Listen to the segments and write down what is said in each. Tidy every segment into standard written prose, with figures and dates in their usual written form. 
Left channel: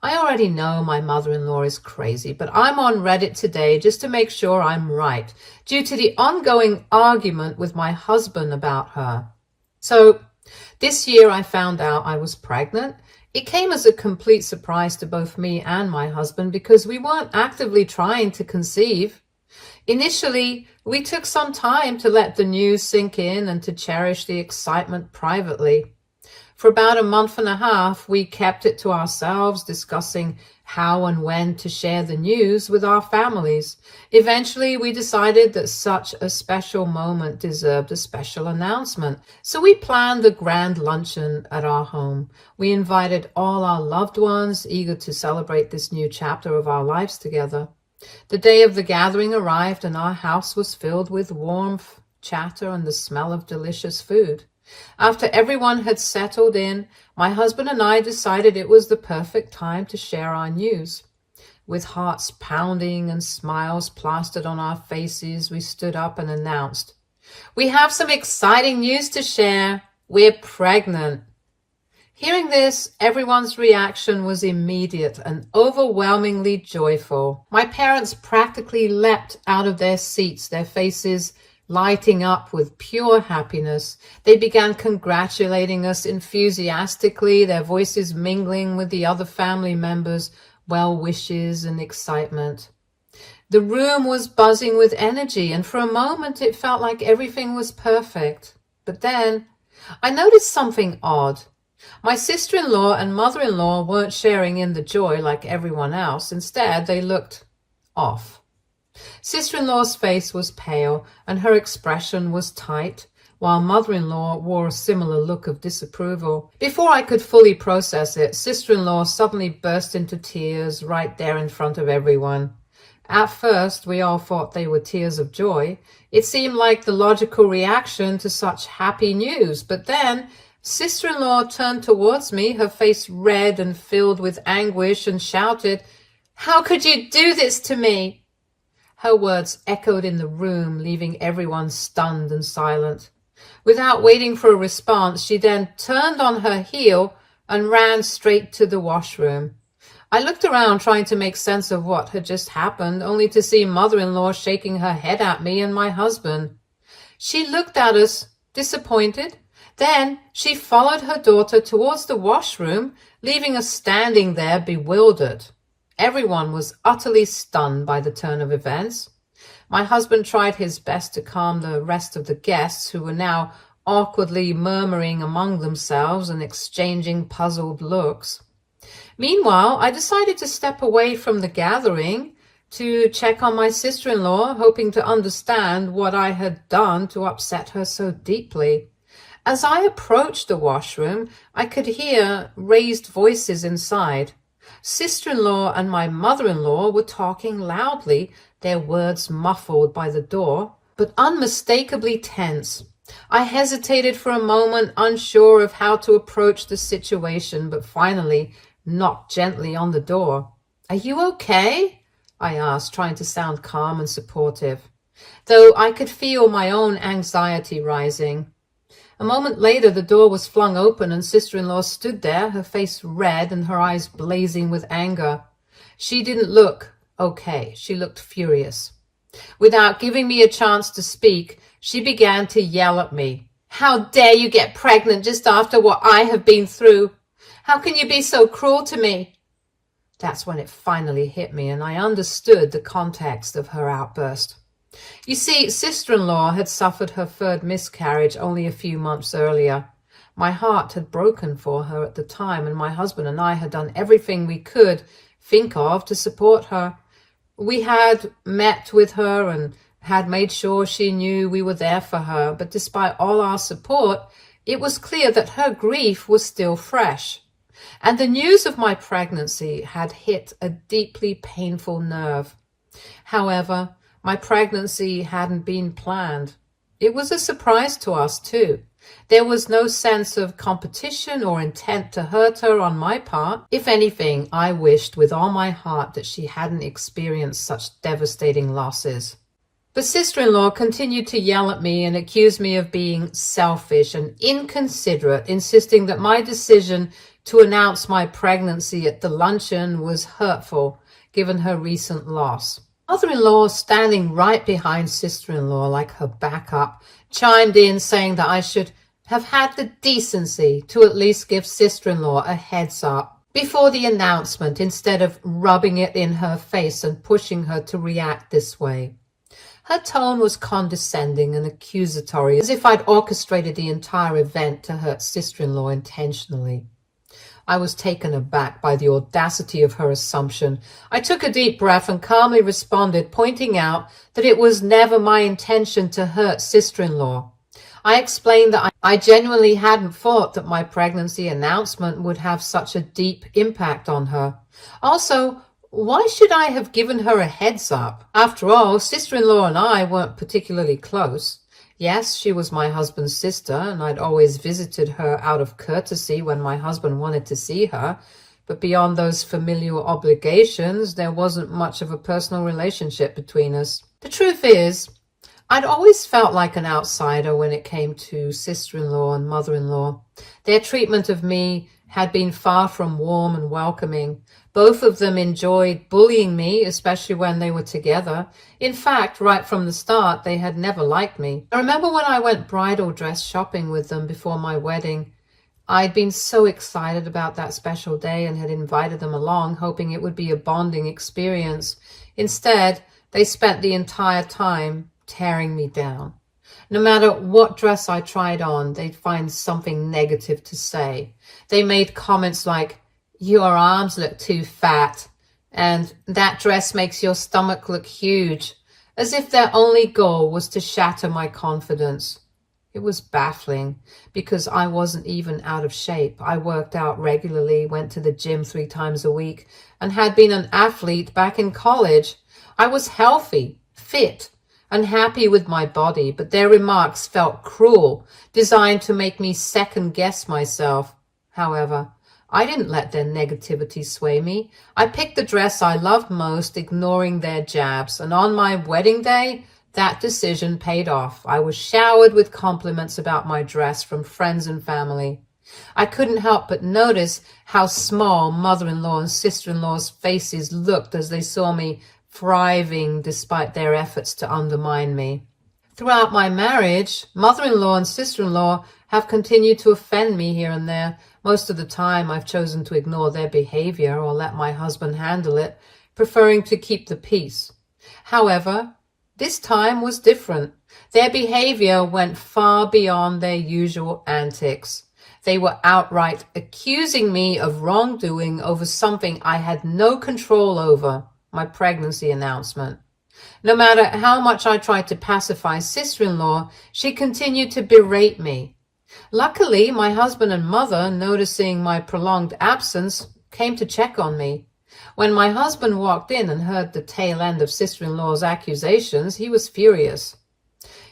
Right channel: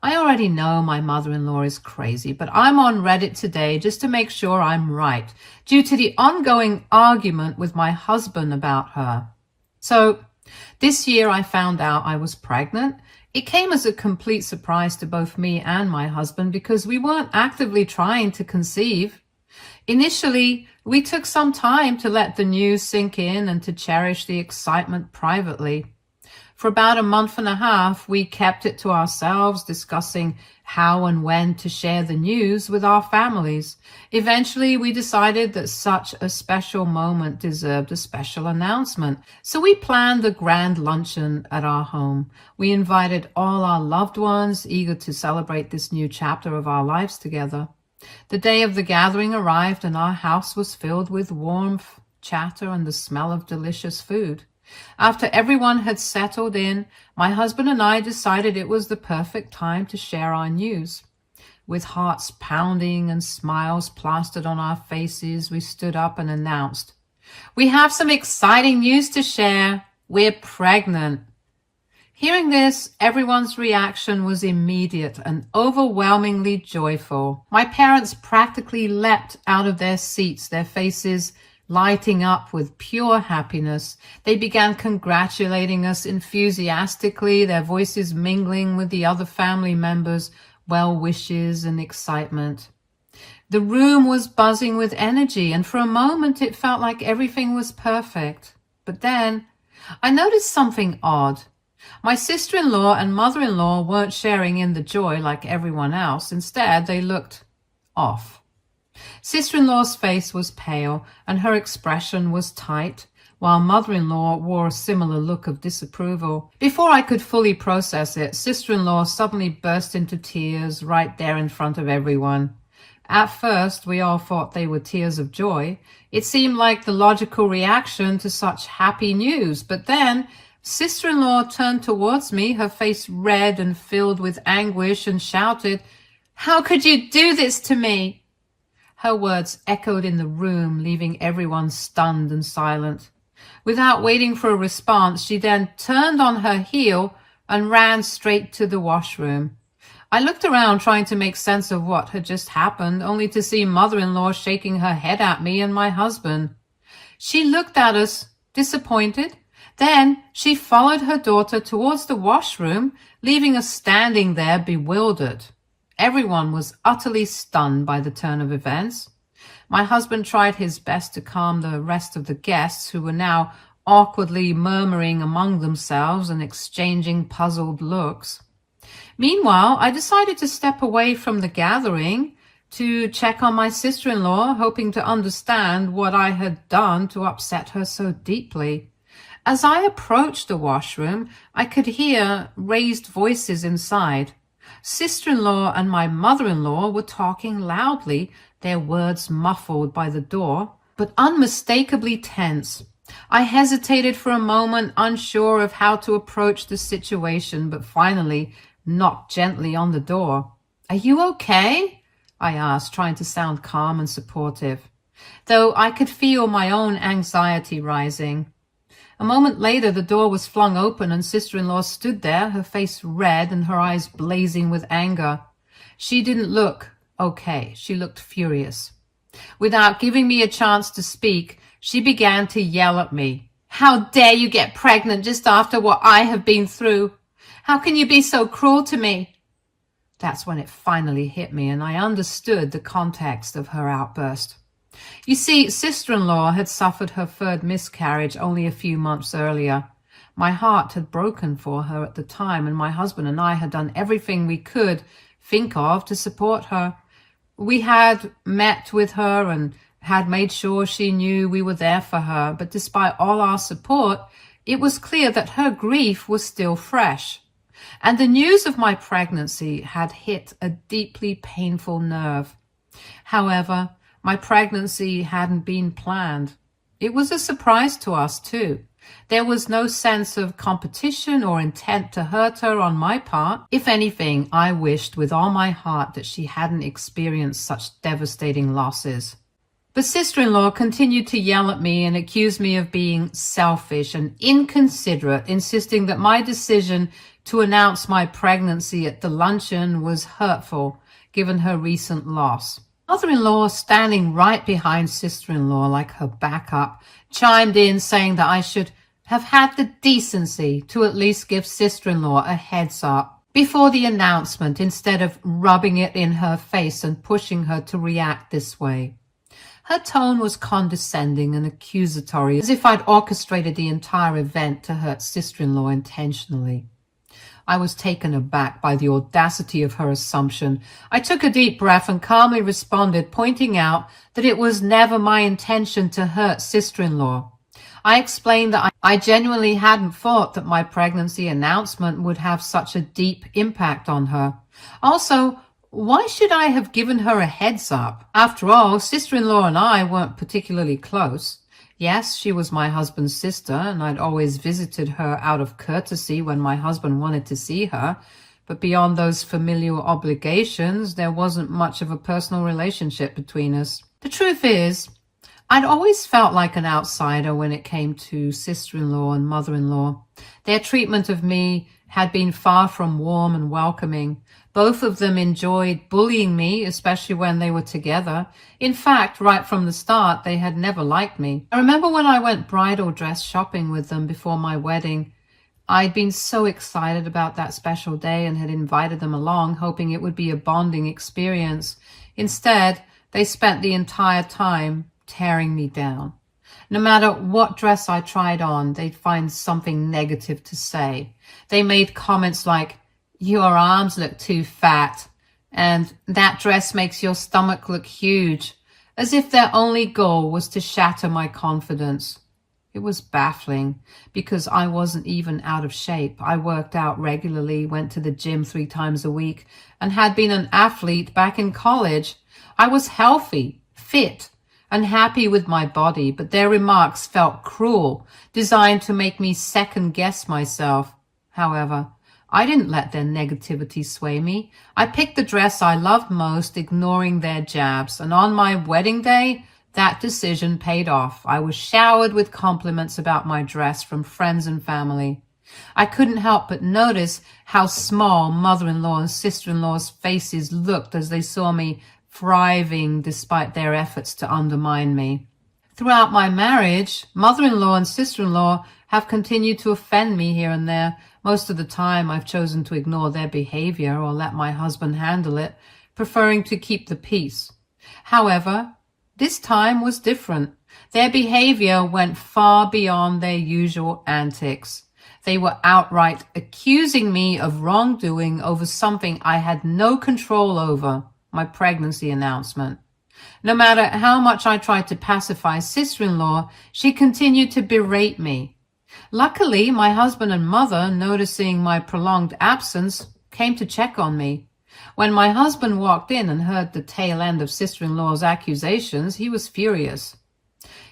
I already know my mother-in-law is crazy, but I'm on Reddit today just to make sure I'm right, due to the ongoing argument with my husband about her. So this year I found out I was pregnant. It came as a complete surprise to both me and my husband because we weren't actively trying to conceive. Initially, we took some time to let the news sink in and to cherish the excitement privately. For about a month and a half, we kept it to ourselves, discussing how and when to share the news with our families. Eventually, we decided that such a special moment deserved a special announcement. So we planned the grand luncheon at our home. We invited all our loved ones, eager to celebrate this new chapter of our lives together. The day of the gathering arrived, and our house was filled with warmth, chatter, and the smell of delicious food. After everyone had settled in, my husband and I decided it was the perfect time to share our news. With hearts pounding and smiles plastered on our faces, we stood up and announced, "We have some exciting news to share. We're pregnant." Hearing this, everyone's reaction was immediate and overwhelmingly joyful. My parents practically leapt out of their seats, their faces lighting up with pure happiness. They began congratulating us enthusiastically, their voices mingling with the other family members' well wishes and excitement. The room was buzzing with energy, and for a moment it felt like everything was perfect. But then I noticed something odd. My sister-in-law and mother-in-law weren't sharing in the joy like everyone else. Instead, they looked off. Sister-in-law's face was pale and her expression was tight, while mother-in-law wore a similar look of disapproval. Before I could fully process it, sister-in-law suddenly burst into tears right there in front of everyone. At first, we all thought they were tears of joy. It seemed like the logical reaction to such happy news, but then sister-in-law turned towards me, her face red and filled with anguish, and shouted, "How could you do this to me?" Her words echoed in the room, leaving everyone stunned and silent. Without waiting for a response, she then turned on her heel and ran straight to the washroom. I looked around trying to make sense of what had just happened, only to see mother-in-law shaking her head at me and my husband. She looked at us, disappointed. Then she followed her daughter towards the washroom, leaving us standing there bewildered. Everyone was utterly stunned by the turn of events. My husband tried his best to calm the rest of the guests, who were now awkwardly murmuring among themselves and exchanging puzzled looks. Meanwhile, I decided to step away from the gathering to check on my sister-in-law, hoping to understand what I had done to upset her so deeply. As I approached the washroom, I could hear raised voices inside. Sister-in-law and my mother-in-law were talking loudly, their words muffled by the door, but unmistakably tense. I hesitated for a moment, unsure of how to approach the situation, but finally knocked gently on the door. "Are you okay?" I asked, trying to sound calm and supportive, though I could feel my own anxiety rising. A moment later, the door was flung open and sister-in-law stood there, her face red and her eyes blazing with anger. She didn't look okay. She looked furious. Without giving me a chance to speak, she began to yell at me. "How dare you get pregnant just after what I have been through? How can you be so cruel to me?" That's when it finally hit me, and I understood the context of her outburst. You see, sister-in-law had suffered her third miscarriage only a few months earlier. My heart had broken for her at the time, and my husband and I had done everything we could think of to support her. We had met with her and had made sure she knew we were there for her, but despite all our support, it was clear that her grief was still fresh. And the news of my pregnancy had hit a deeply painful nerve. However, my pregnancy hadn't been planned. It was a surprise to us too. There was no sense of competition or intent to hurt her on my part. If anything, I wished with all my heart that she hadn't experienced such devastating losses. But sister-in-law continued to yell at me and accuse me of being selfish and inconsiderate, insisting that my decision to announce my pregnancy at the luncheon was hurtful, given her recent loss. Mother-in-law, standing right behind sister-in-law like her backup, chimed in saying that I should have had the decency to at least give sister-in-law a heads up before the announcement, instead of rubbing it in her face and pushing her to react this way. Her tone was condescending and accusatory, as if I'd orchestrated the entire event to hurt sister-in-law intentionally. I was taken aback by the audacity of her assumption. I took a deep breath and calmly responded, pointing out that it was never my intention to hurt sister-in-law. I explained that I genuinely hadn't thought that my pregnancy announcement would have such a deep impact on her. Also, why should I have given her a heads up? After all, sister-in-law and I weren't particularly close. Yes, she was my husband's sister, and I'd always visited her out of courtesy when my husband wanted to see her. But beyond those familial obligations, there wasn't much of a personal relationship between us. The truth is, I'd always felt like an outsider when it came to sister-in-law and mother-in-law. Their treatment of me had been far from warm and welcoming. Both of them enjoyed bullying me, especially when they were together. In fact, right from the start, they had never liked me. I remember when I went bridal dress shopping with them before my wedding. I'd been so excited about that special day and had invited them along, hoping it would be a bonding experience. Instead, they spent the entire time tearing me down. No matter what dress I tried on, they'd find something negative to say. They made comments like, "Your arms look too fat," and "that dress makes your stomach look huge," as if their only goal was to shatter my confidence. It was baffling because I wasn't even out of shape. I worked out regularly, went to the gym 3 times a week, and had been an athlete back in college. I was healthy, fit, and happy with my body, but their remarks felt cruel, designed to make me second-guess myself. However, I didn't let their negativity sway me. I picked the dress I loved most, ignoring their jabs, and on my wedding day, that decision paid off. I was showered with compliments about my dress from friends and family. I couldn't help but notice how small mother-in-law and sister-in-law's faces looked as they saw me thriving despite their efforts to undermine me. Throughout my marriage, mother-in-law and sister-in-law have continued to offend me here and there. Most of the time, I've chosen to ignore their behavior or let my husband handle it, preferring to keep the peace. However, this time was different. Their behavior went far beyond their usual antics. They were outright accusing me of wrongdoing over something I had no control over, my pregnancy announcement. No matter how much I tried to pacify sister-in-law, she continued to berate me. Luckily, my husband and mother, noticing my prolonged absence, came to check on me. When my husband walked in and heard the tail end of sister-in-law's accusations, he was furious.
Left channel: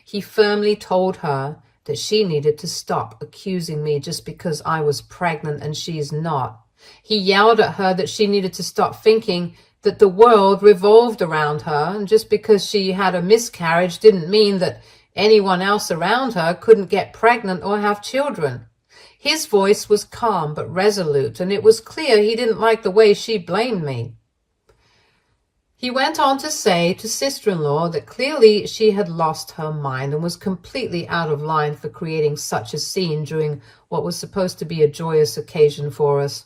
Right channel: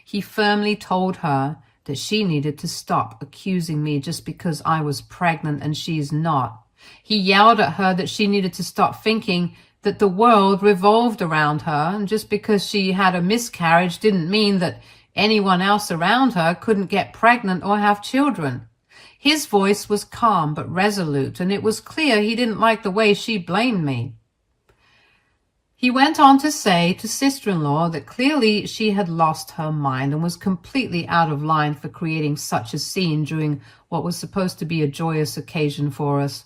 He firmly told her that she needed to stop accusing me just because I was pregnant and she's not. He yelled at her that she needed to stop thinking that the world revolved around her, and just because she had a miscarriage didn't mean that anyone else around her couldn't get pregnant or have children. His voice was calm but resolute, and it was clear he didn't like the way she blamed me. He went on to say to sister-in-law that clearly she had lost her mind and was completely out of line for creating such a scene during what was supposed to be a joyous occasion for us.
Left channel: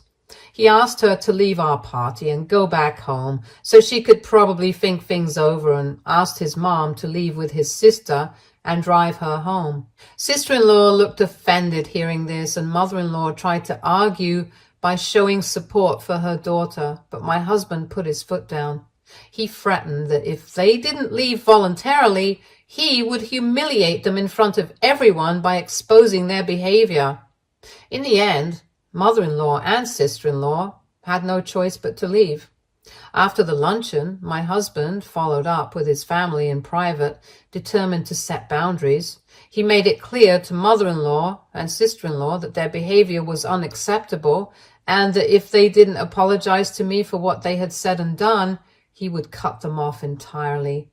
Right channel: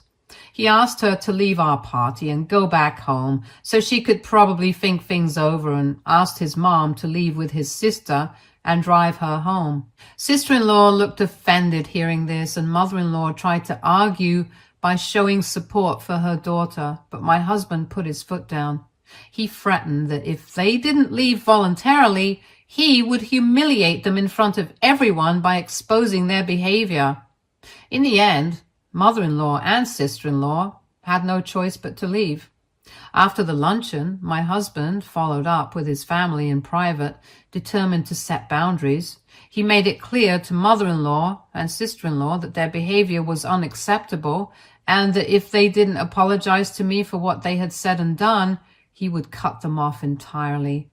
He asked her to leave our party and go back home so she could probably think things over, and asked his mom to leave with his sister and drive her home. Sister-in-law looked offended hearing this, and mother-in-law tried to argue by showing support for her daughter, but my husband put his foot down. He threatened that if they didn't leave voluntarily, he would humiliate them in front of everyone by exposing their behavior. In the end, mother-in-law and sister-in-law had no choice but to leave. After the luncheon, my husband followed up with his family in private, determined to set boundaries. He made it clear to mother-in-law and sister-in-law that their behavior was unacceptable, and that if they didn't apologize to me for what they had said and done, he would cut them off entirely.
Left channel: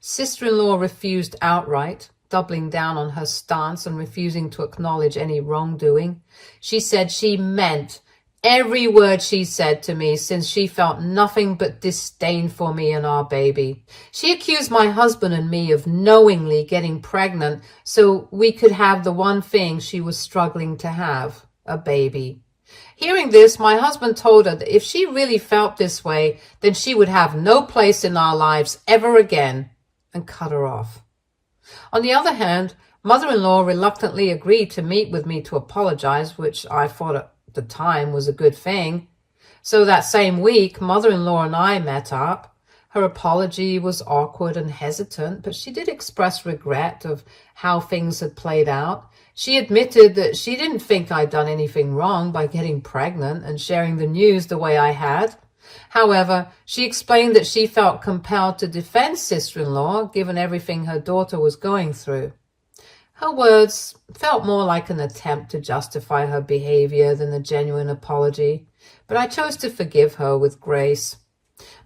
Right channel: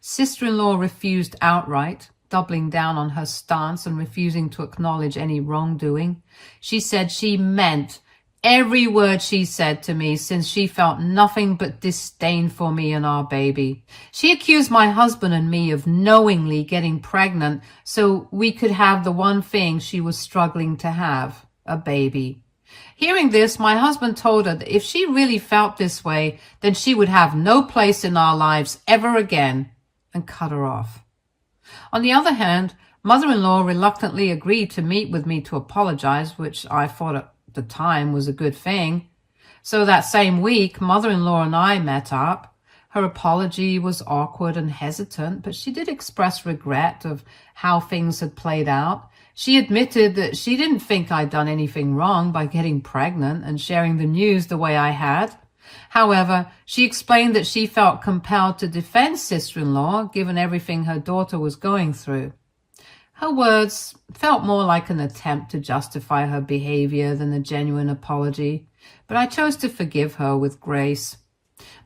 Sister-in-law refused outright, doubling down on her stance and refusing to acknowledge any wrongdoing. She said she meant every word she said to me, since she felt nothing but disdain for me and our baby. She accused my husband and me of knowingly getting pregnant so we could have the one thing she was struggling to have, a baby. Hearing this, my husband told her that if she really felt this way, then she would have no place in our lives ever again, and cut her off. On the other hand, mother-in-law reluctantly agreed to meet with me to apologize, which I thought at the time was a good thing. So that same week, mother-in-law and I met up. Her apology was awkward and hesitant, but she did express regret of how things had played out. She admitted that she didn't think I'd done anything wrong by getting pregnant and sharing the news the way I had. However, she explained that she felt compelled to defend sister-in-law given everything her daughter was going through. Her words felt more like an attempt to justify her behavior than a genuine apology, but I chose to forgive her with grace.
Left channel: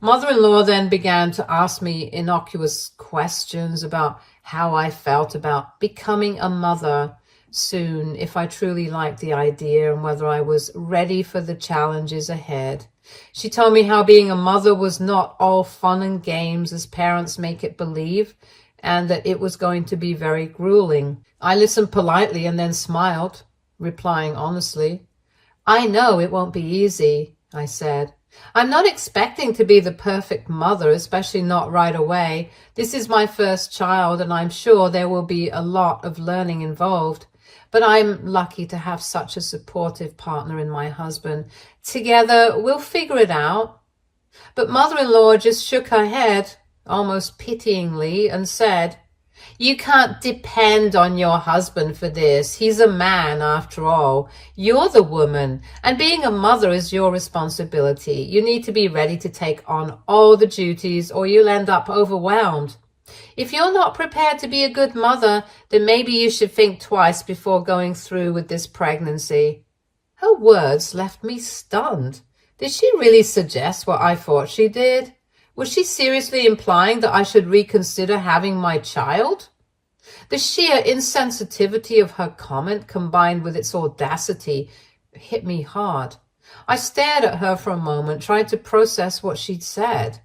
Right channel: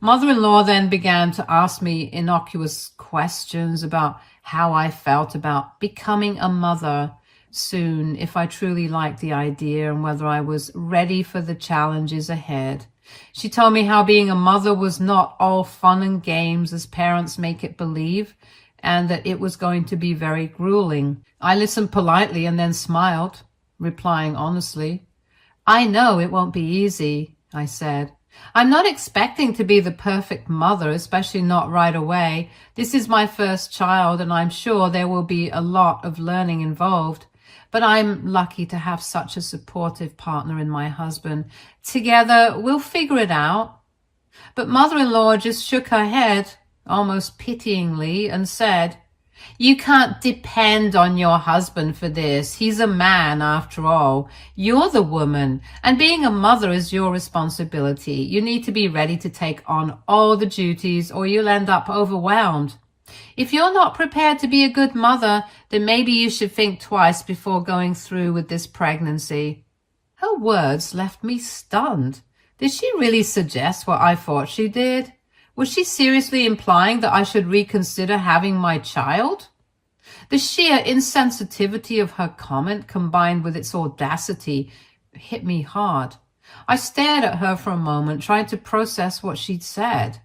Mother-in-law then began to ask me innocuous questions about how I felt about becoming a mother soon, if I truly liked the idea, and whether I was ready for the challenges ahead. She told me how being a mother was not all fun and games as parents make it believe, and that it was going to be very grueling. I listened politely and then smiled, replying honestly. I know it won't be easy, I said. I'm not expecting to be the perfect mother, especially not right away. This is my first child, and I'm sure there will be a lot of learning involved. But I'm lucky to have such a supportive partner in my husband. Together, we'll figure it out. But mother-in-law just shook her head, almost pityingly, and said, You can't depend on your husband for this. He's a man, after all. You're the woman, and being a mother is your responsibility. You need to be ready to take on all the duties, or you'll end up overwhelmed. If you're not prepared to be a good mother, then maybe you should think twice before going through with this pregnancy. Her words left me stunned. Did she really suggest what I thought she did? Was she seriously implying that I should reconsider having my child? The sheer insensitivity of her comment, combined with its audacity, hit me hard. I stared at her for a moment, trying to process what she'd said.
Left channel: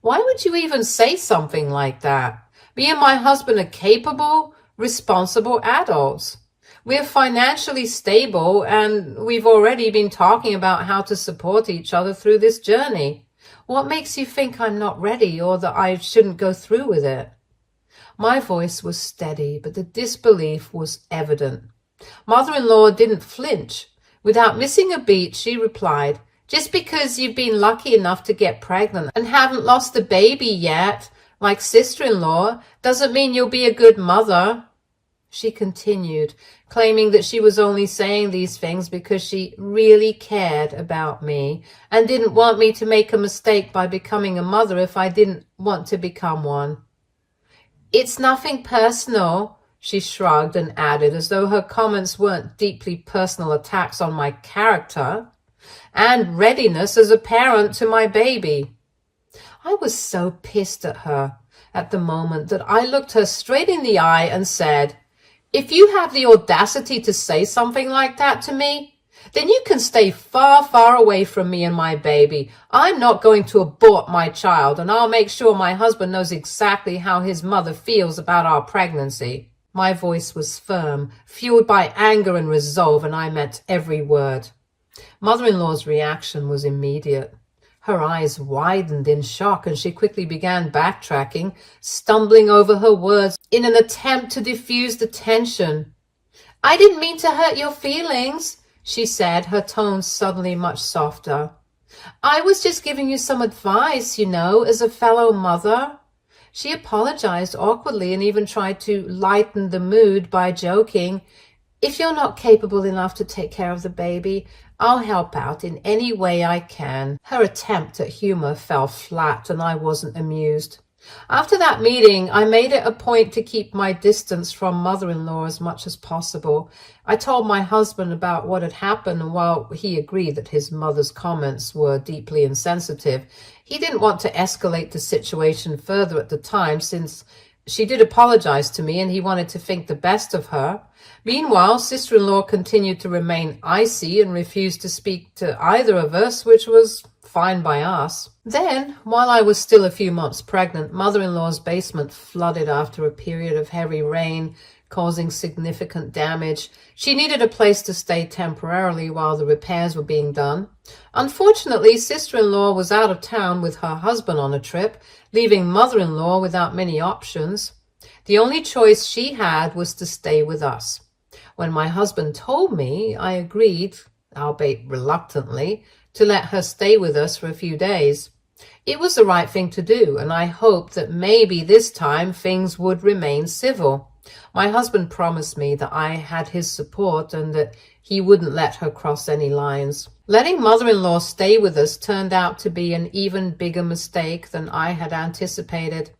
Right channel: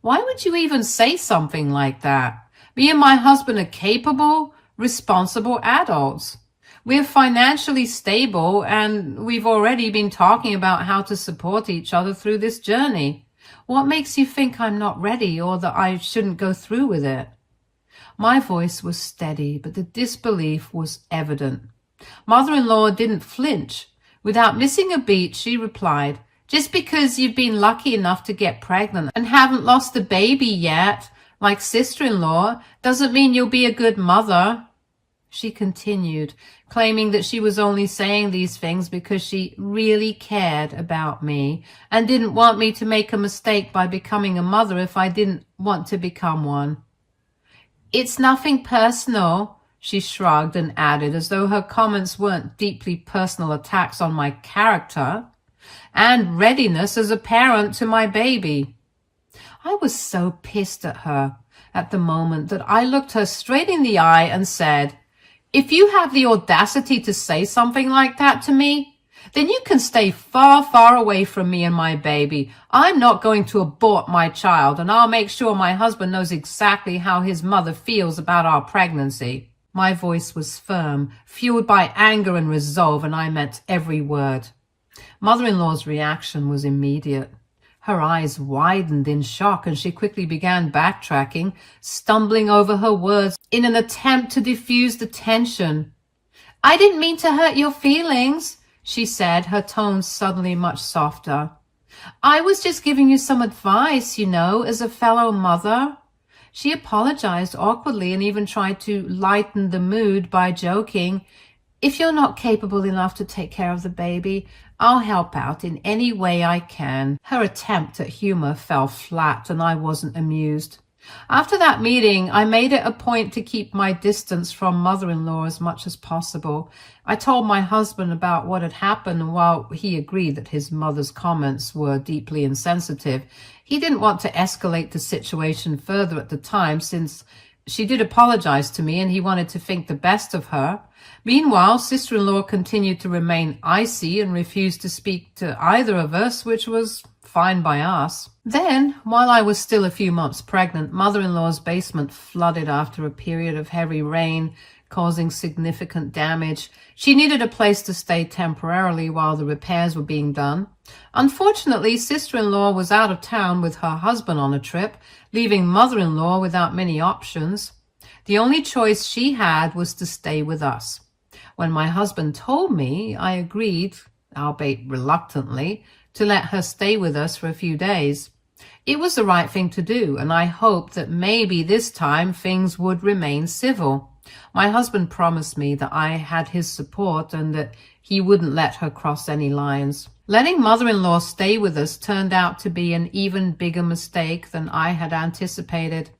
Why would you even say something like that? Me and my husband are capable, responsible adults. We're financially stable, and we've already been talking about how to support each other through this journey. What makes you think I'm not ready, or that I shouldn't go through with it? My voice was steady, but the disbelief was evident. Mother-in-law didn't flinch. Without missing a beat, she replied, Just because you've been lucky enough to get pregnant and haven't lost the baby yet, like sister-in-law, doesn't mean you'll be a good mother. She continued, claiming that she was only saying these things because she really cared about me and didn't want me to make a mistake by becoming a mother if I didn't want to become one. It's nothing personal, she shrugged and added, as though her comments weren't deeply personal attacks on my character and readiness as a parent to my baby. I was so pissed at her at the moment that I looked her straight in the eye and said, If you have the audacity to say something like that to me, then you can stay far, far away from me and my baby. I'm not going to abort my child, and I'll make sure my husband knows exactly how his mother feels about our pregnancy. My voice was firm, fueled by anger and resolve, and I meant every word. Mother-in-law's reaction was immediate. Her eyes widened in shock, and she quickly began backtracking, stumbling over her words in an attempt to diffuse the tension. I didn't mean to hurt your feelings, she said, her tone suddenly much softer. I was just giving you some advice, as a fellow mother. She apologized awkwardly and even tried to lighten the mood by joking, If you're not capable enough to take care of the baby, I'll help out in any way I can. Her attempt at humor fell flat, and I wasn't amused. After that meeting, I made it a point to keep my distance from mother-in-law as much as possible. I told my husband about what had happened, and while he agreed that his mother's comments were deeply insensitive, he didn't want to escalate the situation further at the time, since She did apologize to me, and he wanted to think the best of her. Meanwhile, sister-in-law continued to remain icy and refused to speak to either of us, which was fine by us. Then, while I was still a few months pregnant, mother-in-law's basement flooded after a period of heavy rain, causing significant damage. She needed a place to stay temporarily while the repairs were being done. Unfortunately, sister-in-law was out of town with her husband on a trip, leaving mother-in-law without many options. The only choice she had was to stay with us. When my husband told me, I agreed, albeit reluctantly, to let her stay with us for a few days. It was the right thing to do, and I hoped that maybe this time things would remain civil. My husband promised me that I had his support and that he wouldn't let her cross any lines. Letting mother-in-law stay with us turned out to be an even bigger mistake than I had anticipated.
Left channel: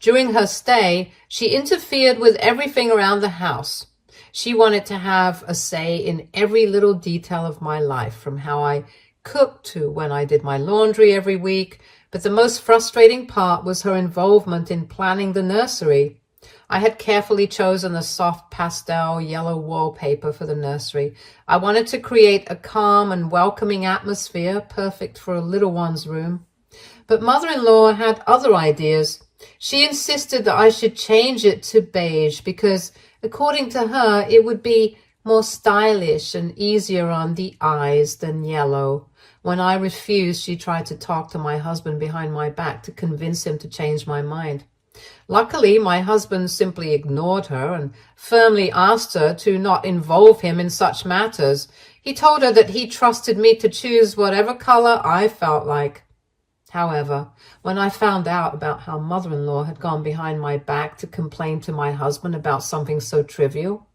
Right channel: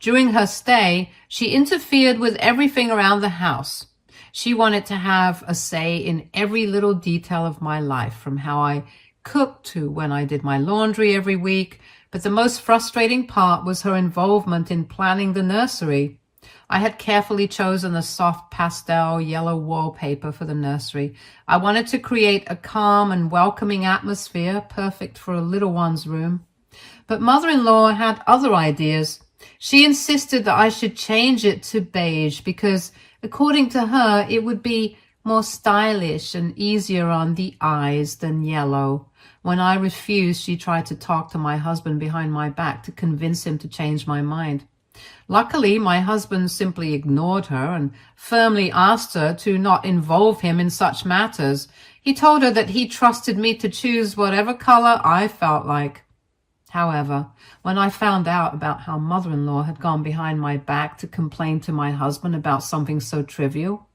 During her stay, she interfered with everything around the house. She wanted to have a say in every little detail of my life, from how I cooked to when I did my laundry every week. But the most frustrating part was her involvement in planning the nursery. I had carefully chosen a soft pastel yellow wallpaper for the nursery. I wanted to create a calm and welcoming atmosphere, perfect for a little one's room. But mother-in-law had other ideas. She insisted that I should change it to beige because, according to her, it would be more stylish and easier on the eyes than yellow. When I refused, she tried to talk to my husband behind my back to convince him to change my mind. Luckily, my husband simply ignored her and firmly asked her to not involve him in such matters. He told her that he trusted me to choose whatever color I felt like. However, when I found out about how mother-in-law had gone behind my back to complain to my husband about something so trivial,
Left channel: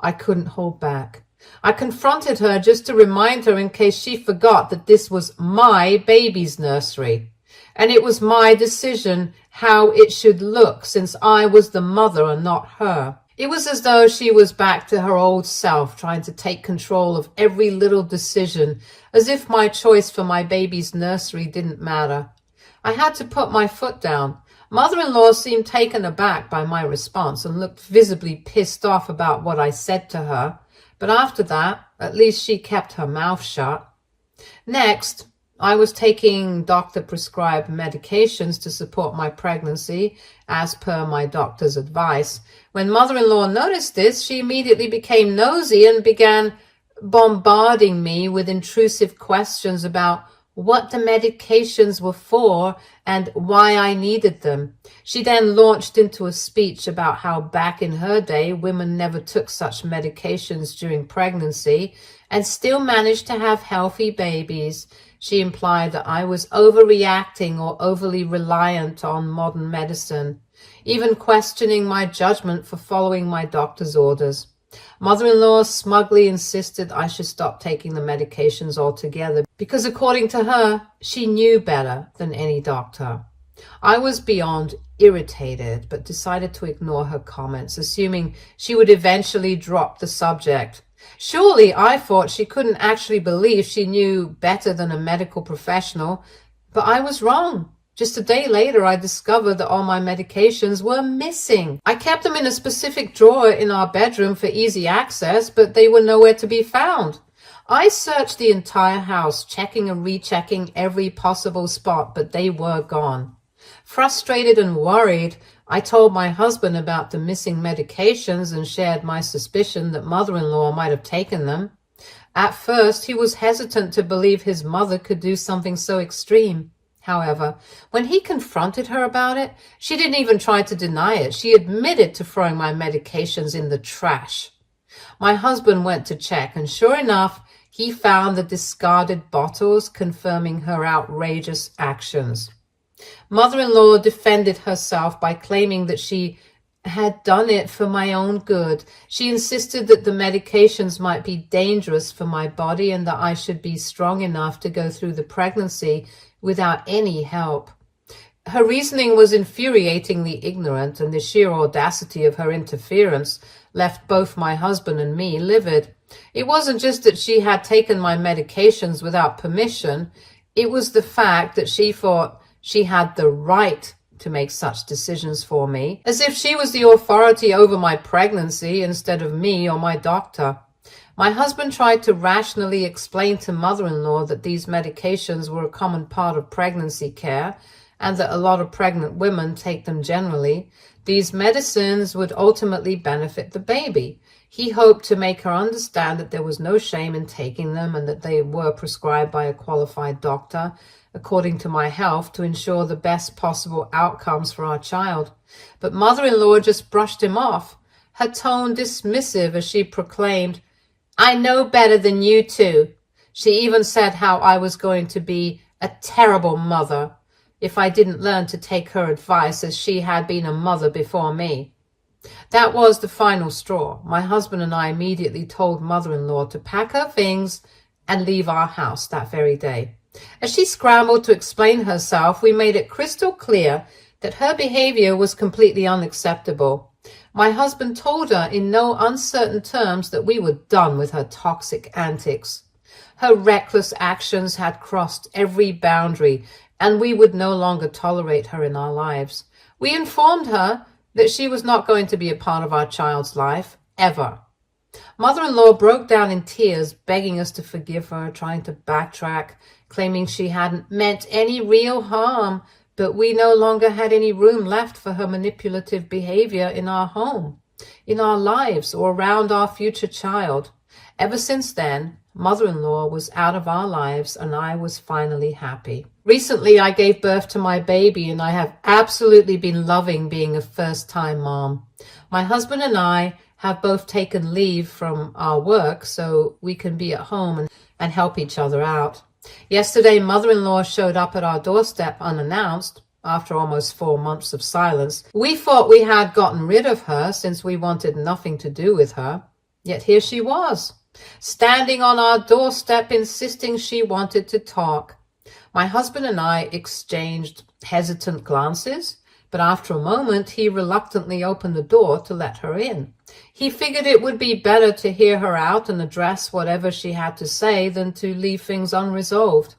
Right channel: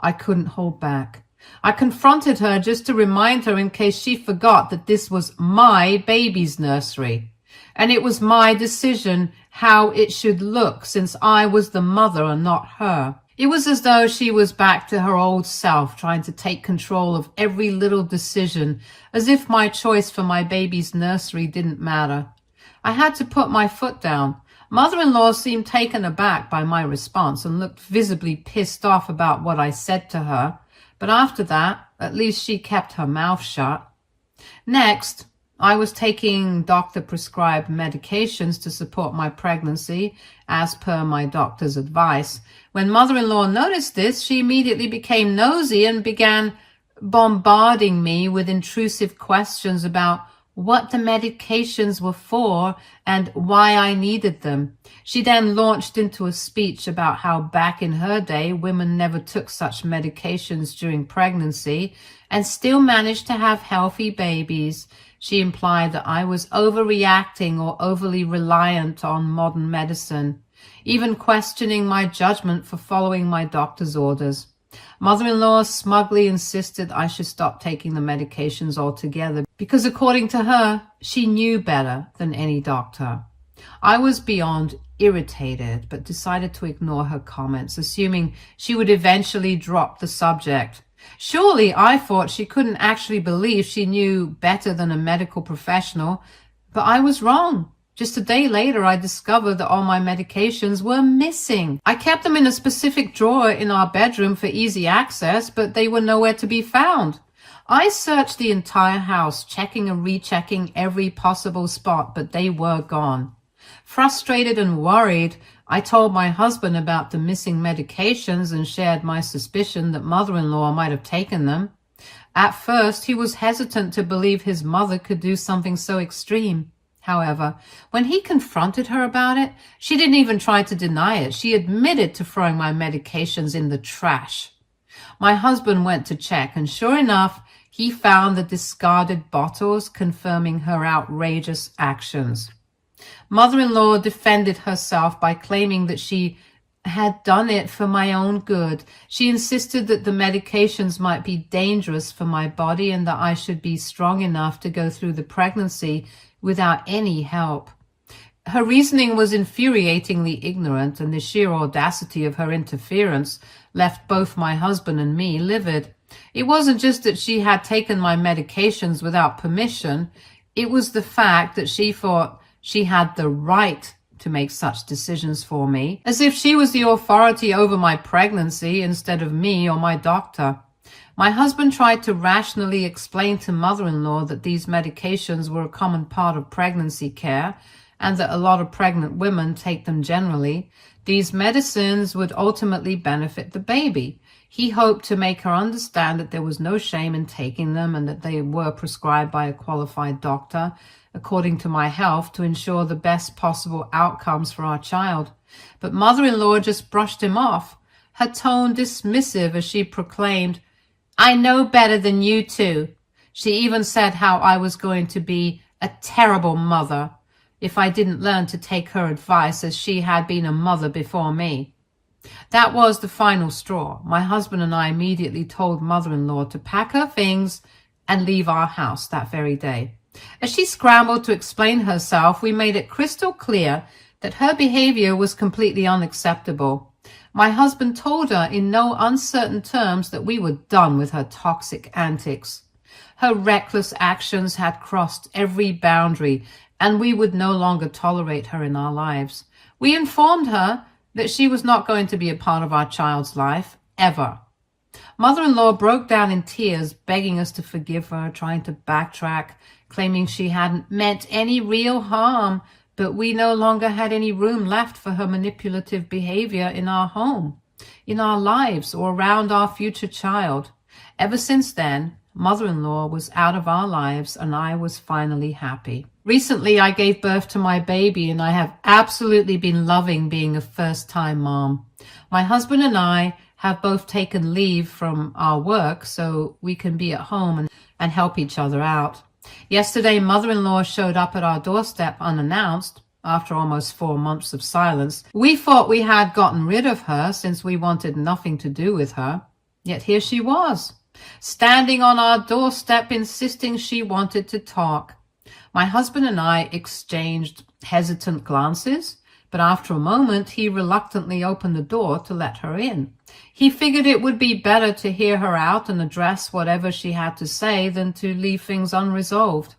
I couldn't hold back. I confronted her just to remind her in case she forgot that this was my baby's nursery. And it was my decision how it should look, since I was the mother and not her. It was as though she was back to her old self, trying to take control of every little decision, as if my choice for my baby's nursery didn't matter. I had to put my foot down. Mother-in-law seemed taken aback by my response and looked visibly pissed off about what I said to her. But after that, at least she kept her mouth shut. Next, I was taking doctor-prescribed medications to support my pregnancy, as per my doctor's advice. When mother-in-law noticed this, she immediately became nosy and began bombarding me with intrusive questions about what the medications were for and why I needed them. She then launched into a speech about how back in her day, women never took such medications during pregnancy and still managed to have healthy babies. She implied that I was overreacting or overly reliant on modern medicine, even questioning my judgment for following my doctor's orders. Mother-in-law smugly insisted I should stop taking the medications altogether because, according to her, she knew better than any doctor. I was beyond irritated, but decided to ignore her comments, assuming she would eventually drop the subject. Surely, I thought, she couldn't actually believe she knew better than a medical professional, but I was wrong. Just a day later, I discovered that all my medications were missing. I kept them in a specific drawer in our bedroom for easy access, but they were nowhere to be found. I searched the entire house, checking and rechecking every possible spot, but they were gone. Frustrated and worried, I told my husband about the missing medications and shared my suspicion that mother-in-law might have taken them. At first, he was hesitant to believe his mother could do something so extreme. However, when he confronted her about it, she didn't even try to deny it. She admitted to throwing my medications in the trash. My husband went to check, and sure enough, he found the discarded bottles, confirming her outrageous actions. Mother-in-law defended herself by claiming that she had done it for my own good. She insisted that the medications might be dangerous for my body and that I should be strong enough to go through the pregnancy without any help. Her reasoning was infuriatingly ignorant, and the sheer audacity of her interference left both my husband and me livid. It wasn't just that she had taken my medications without permission. It was the fact that she thought she had the right to make such decisions for me, as if she was the authority over my pregnancy instead of me or my doctor. My husband tried to rationally explain to mother-in-law that these medications were a common part of pregnancy care and that a lot of pregnant women take them generally. These medicines would ultimately benefit the baby. He hoped to make her understand that there was no shame in taking them and that they were prescribed by a qualified doctor, according to my health, to ensure the best possible outcomes for our child. But mother-in-law just brushed him off, her tone dismissive as she proclaimed, "I know better than you two." She even said how I was going to be a terrible mother if I didn't learn to take her advice, as she had been a mother before me. That was the final straw. My husband and I immediately told mother-in-law to pack her things and leave our house that very day. As she scrambled to explain herself, we made it crystal clear that her behavior was completely unacceptable. My husband told her in no uncertain terms that we were done with her toxic antics. Her reckless actions had crossed every boundary, and we would no longer tolerate her in our lives. We informed her that she was not going to be a part of our child's life, ever. Mother-in-law broke down in tears, begging us to forgive her, trying to backtrack, claiming she hadn't meant any real harm, but we no longer had any room left for her manipulative behavior in our home, in our lives, or around our future child. Ever since then, mother-in-law was out of our lives, and I was finally happy. Recently, I gave birth to my baby, and I have absolutely been loving being a first-time mom. My husband and I have both taken leave from our work so we can be at home and help each other out. Yesterday, mother-in-law showed up at our doorstep unannounced after almost 4 months of silence. We thought we had gotten rid of her since we wanted nothing to do with her. Yet here she was, standing on our doorstep, insisting she wanted to talk. My husband and I exchanged hesitant glances, but after a moment, he reluctantly opened the door to let her in. He figured it would be better to hear her out and address whatever she had to say than to leave things unresolved.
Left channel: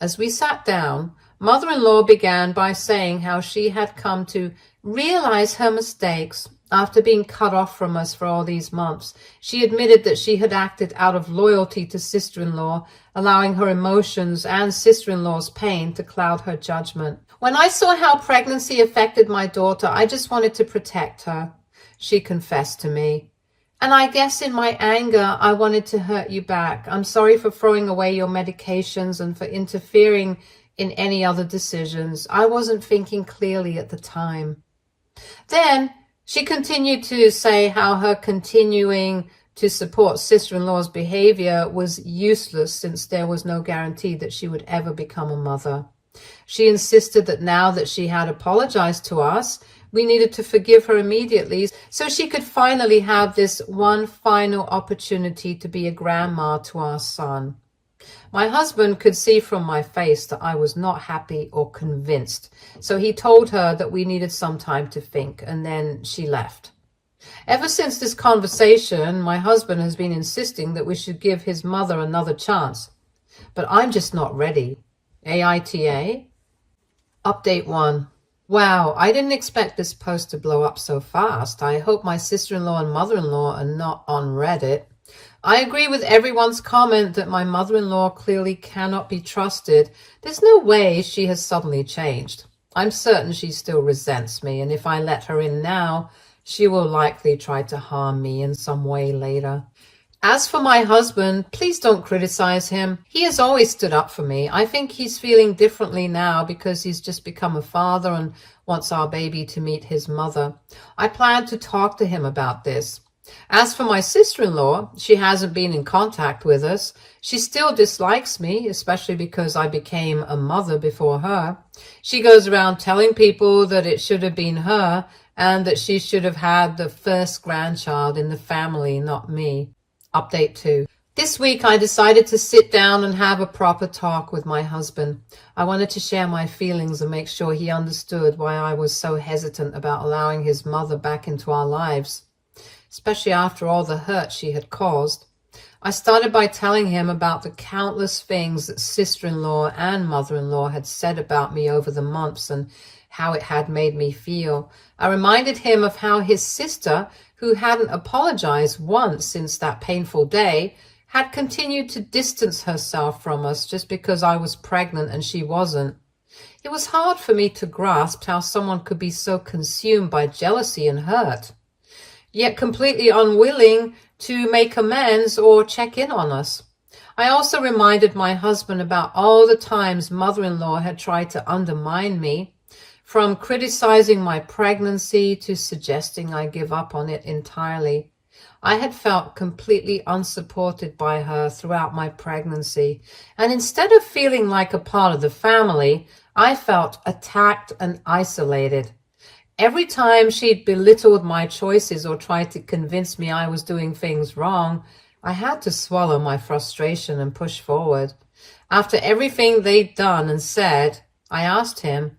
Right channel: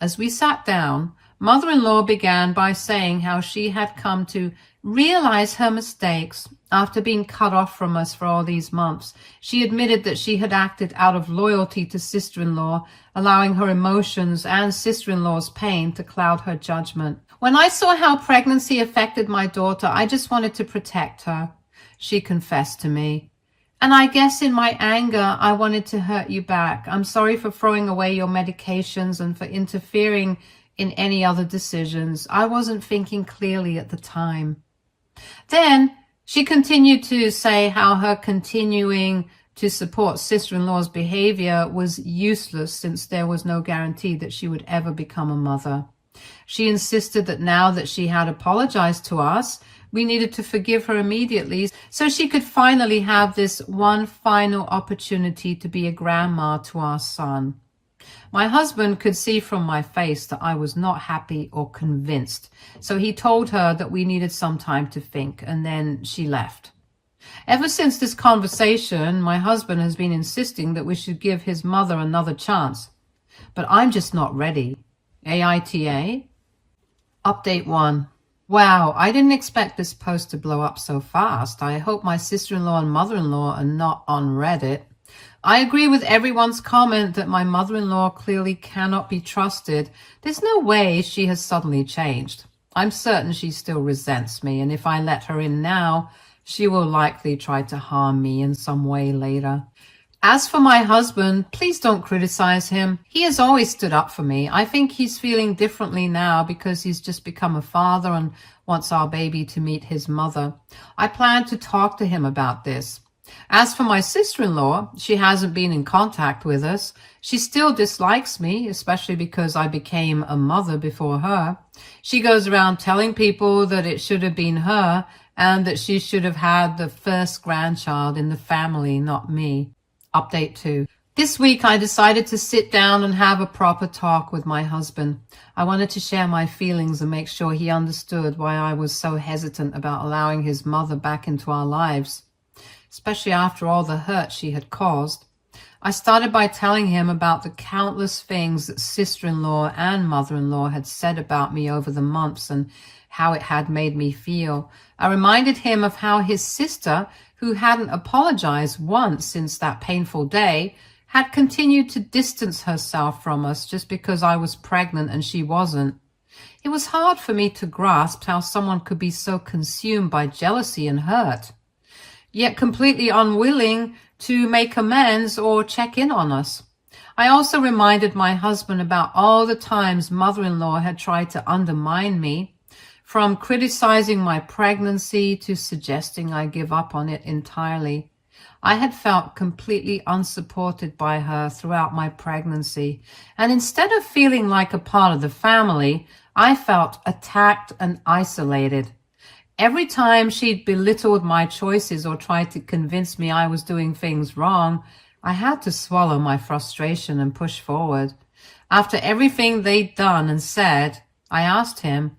As we sat down, mother-in-law began by saying how she had come to realize her mistakes after being cut off from us for all these months. She admitted that she had acted out of loyalty to sister-in-law, allowing her emotions and sister-in-law's pain to cloud her judgment. "When I saw how pregnancy affected my daughter, I just wanted to protect her," she confessed to me. "And I guess in my anger, I wanted to hurt you back. I'm sorry for throwing away your medications and for interfering in any other decisions. I wasn't thinking clearly at the time." Then she continued to say how her continuing to support sister-in-law's behavior was useless since there was no guarantee that she would ever become a mother. She insisted that now that she had apologized to us, we needed to forgive her immediately so she could finally have this one final opportunity to be a grandma to our son. My husband could see from my face that I was not happy or convinced, so he told her that we needed some time to think, and then she left. Ever since this conversation, my husband has been insisting that we should give his mother another chance, but I'm just not ready. AITA? Update 1. Wow, I didn't expect this post to blow up so fast. I hope my sister-in-law and mother-in-law are not on Reddit. I agree with everyone's comment that my mother-in-law clearly cannot be trusted. There's no way she has suddenly changed. I'm certain she still resents me, and if I let her in now, she will likely try to harm me in some way later. As for my husband, please don't criticize him. He has always stood up for me. I think he's feeling differently now because he's just become a father and wants our baby to meet his mother. I plan to talk to him about this. As for my sister-in-law, she hasn't been in contact with us. She still dislikes me, especially because I became a mother before her. She goes around telling people that it should have been her and that she should have had the first grandchild in the family, not me. Update 2. This week I decided to sit down and have a proper talk with my husband. I wanted to share my feelings and make sure he understood why I was so hesitant about allowing his mother back into our lives, especially after all the hurt she had caused. I started by telling him about the countless things that sister-in-law and mother-in-law had said about me over the months and how it had made me feel. I reminded him of how his sister, who hadn't apologized once since that painful day, had continued to distance herself from us just because I was pregnant and she wasn't. It was hard for me to grasp how someone could be so consumed by jealousy and hurt, yet completely unwilling to make amends or check in on us. I also reminded my husband about all the times mother-in-law had tried to undermine me, from criticizing my pregnancy to suggesting I give up on it entirely. I had felt completely unsupported by her throughout my pregnancy, and instead of feeling like a part of the family, I felt attacked and isolated. Every time she'd belittled my choices or tried to convince me I was doing things wrong, I had to swallow my frustration and push forward. After everything they'd done and said, I asked him,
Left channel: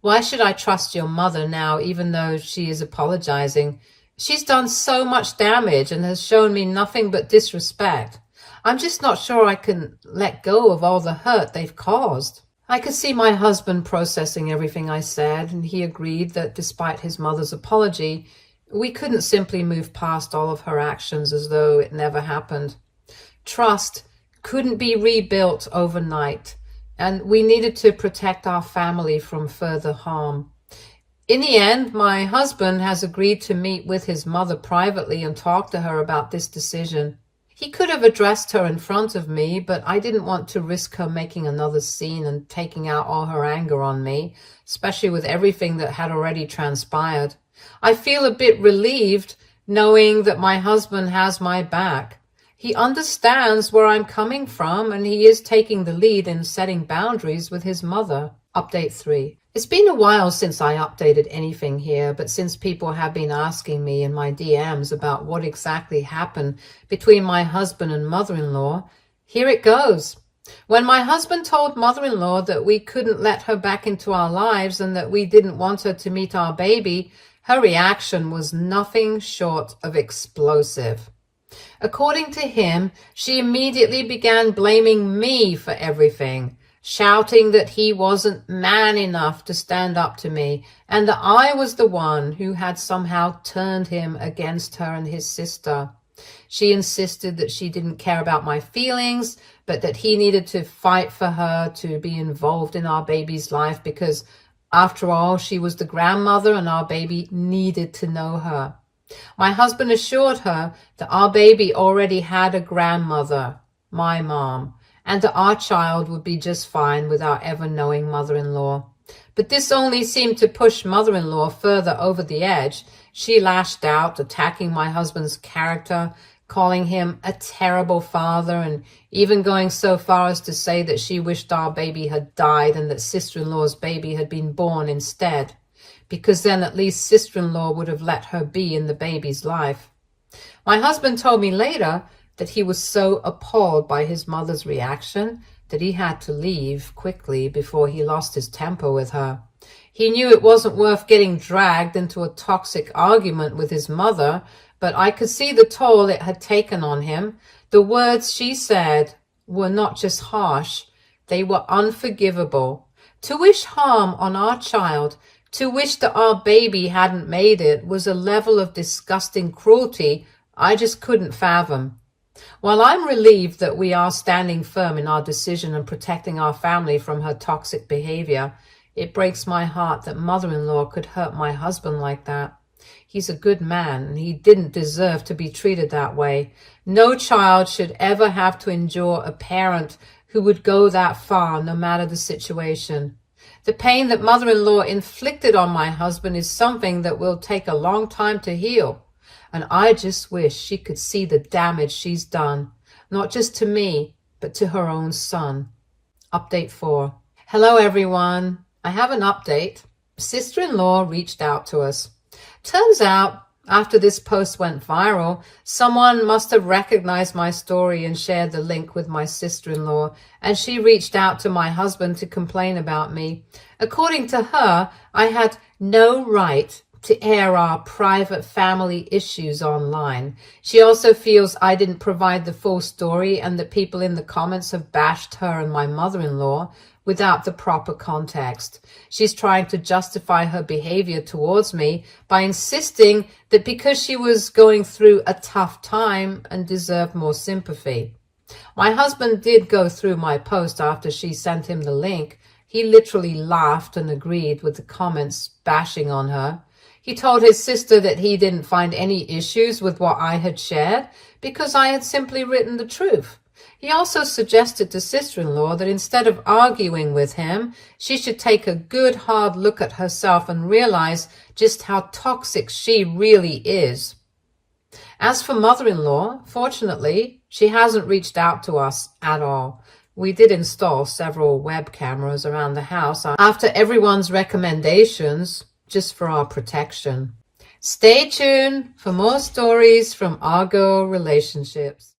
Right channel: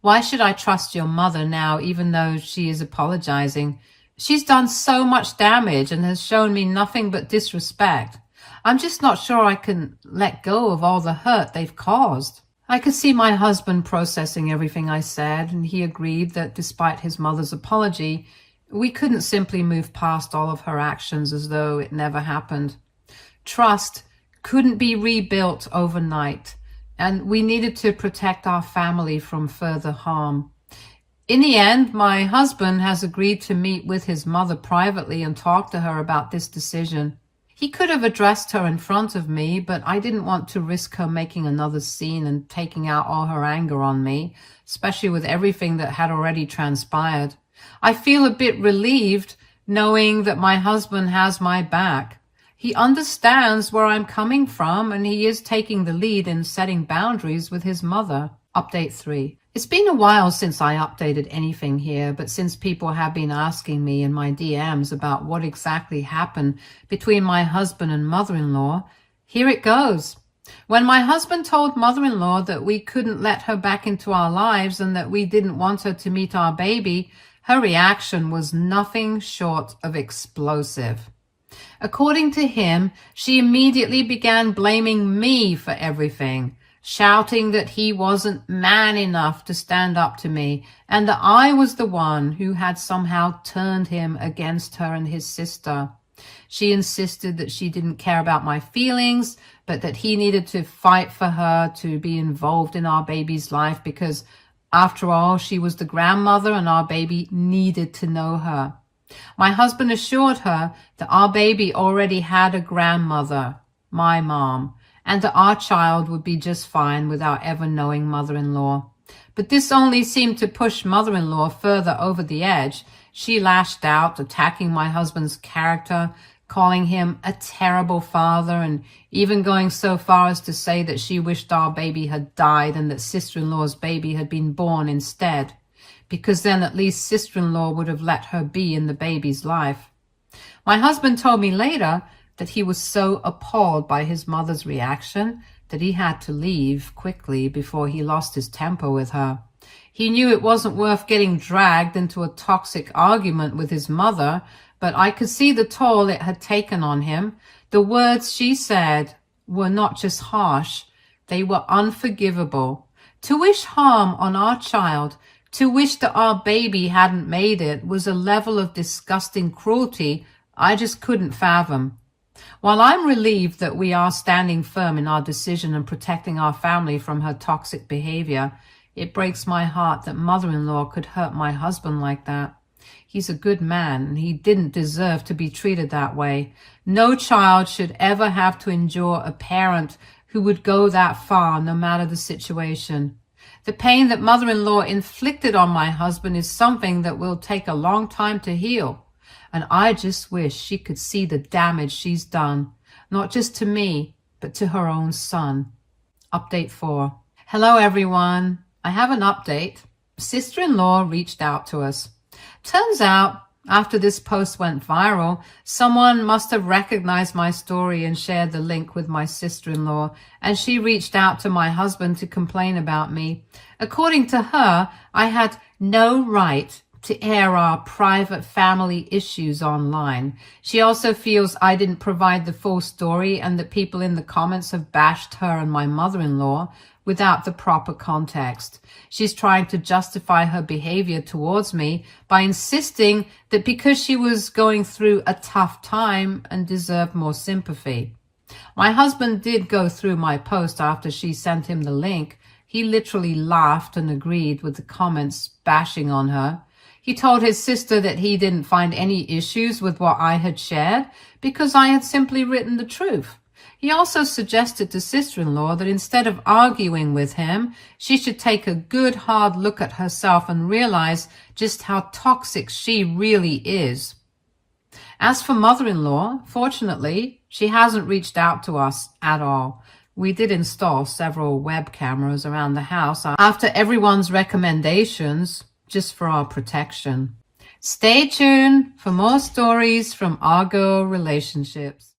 "Why should I trust your mother now, even though she is apologizing? She's done so much damage and has shown me nothing but disrespect. I'm just not sure I can let go of all the hurt they've caused." I could see my husband processing everything I said, and he agreed that despite his mother's apology, we couldn't simply move past all of her actions as though it never happened. Trust couldn't be rebuilt overnight, and we needed to protect our family from further harm. In the end, my husband has agreed to meet with his mother privately and talk to her about this decision. He could have addressed her in front of me, but I didn't want to risk her making another scene and taking out all her anger on me, especially with everything that had already transpired. I feel a bit relieved knowing that my husband has my back. He understands where I'm coming from, and he is taking the lead in setting boundaries with his mother. Update 3. It's been a while since I updated anything here, but since people have been asking me in my DMs about what exactly happened between my husband and mother-in-law, here it goes. When my husband told mother-in-law that we couldn't let her back into our lives and that we didn't want her to meet our baby, her reaction was nothing short of explosive. According to him, she immediately began blaming me for everything, shouting that he wasn't man enough to stand up to me and that I was the one who had somehow turned him against her and his sister. She insisted that she didn't care about my feelings, but that he needed to fight for her to be involved in our baby's life because, after all, she was the grandmother and our baby needed to know her. My husband assured her that our baby already had a grandmother, my mom, and that our child would be just fine without ever knowing mother-in-law. But this only seemed to push mother-in-law further over the edge. She lashed out, attacking my husband's character, calling him a terrible father, and even going so far as to say that she wished our baby had died and that sister-in-law's baby had been born instead, because then at least sister-in-law would have let her be in the baby's life. My husband told me later that he was so appalled by his mother's reaction that he had to leave quickly before he lost his temper with her. He knew it wasn't worth getting dragged into a toxic argument with his mother, but I could see the toll it had taken on him. The words she said were not just harsh, they were unforgivable. To wish harm on our child, to wish that our baby hadn't made it, was a level of disgusting cruelty I just couldn't fathom. While I'm relieved that we are standing firm in our decision and protecting our family from her toxic behavior, it breaks my heart that mother-in-law could hurt my husband like that. He's a good man, and he didn't deserve to be treated that way. No child should ever have to endure a parent who would go that far, no matter the situation. The pain that mother-in-law inflicted on my husband is something that will take a long time to heal. And I just wish she could see the damage she's done, not just to me, but to her own son. Update 4. Hello, everyone. I have an update. Sister-in-law reached out to us. Turns out, after this post went viral, someone must have recognized my story and shared the link with my sister-in-law, and she reached out to my husband to complain about me. According to her, I had no right to air our private family issues online. She also feels I didn't provide the full story and that people in the comments have bashed her and my mother-in-law without the proper context. She's trying to justify her behavior towards me by insisting that because she was going through a tough time and deserved more sympathy. My husband did go through my post after she sent him the link. He literally laughed and agreed with the comments bashing on her. He told his sister that he didn't find any issues with what I had shared because I had simply written the truth. He also suggested to sister-in-law that instead of arguing with him, she should take a good hard look at herself and realize just how toxic she really is. As for mother-in-law, fortunately, she hasn't reached out to us at all. We did install several web cameras around the house after everyone's recommendations, just for our protection. Stay tuned for more stories from our girl relationships.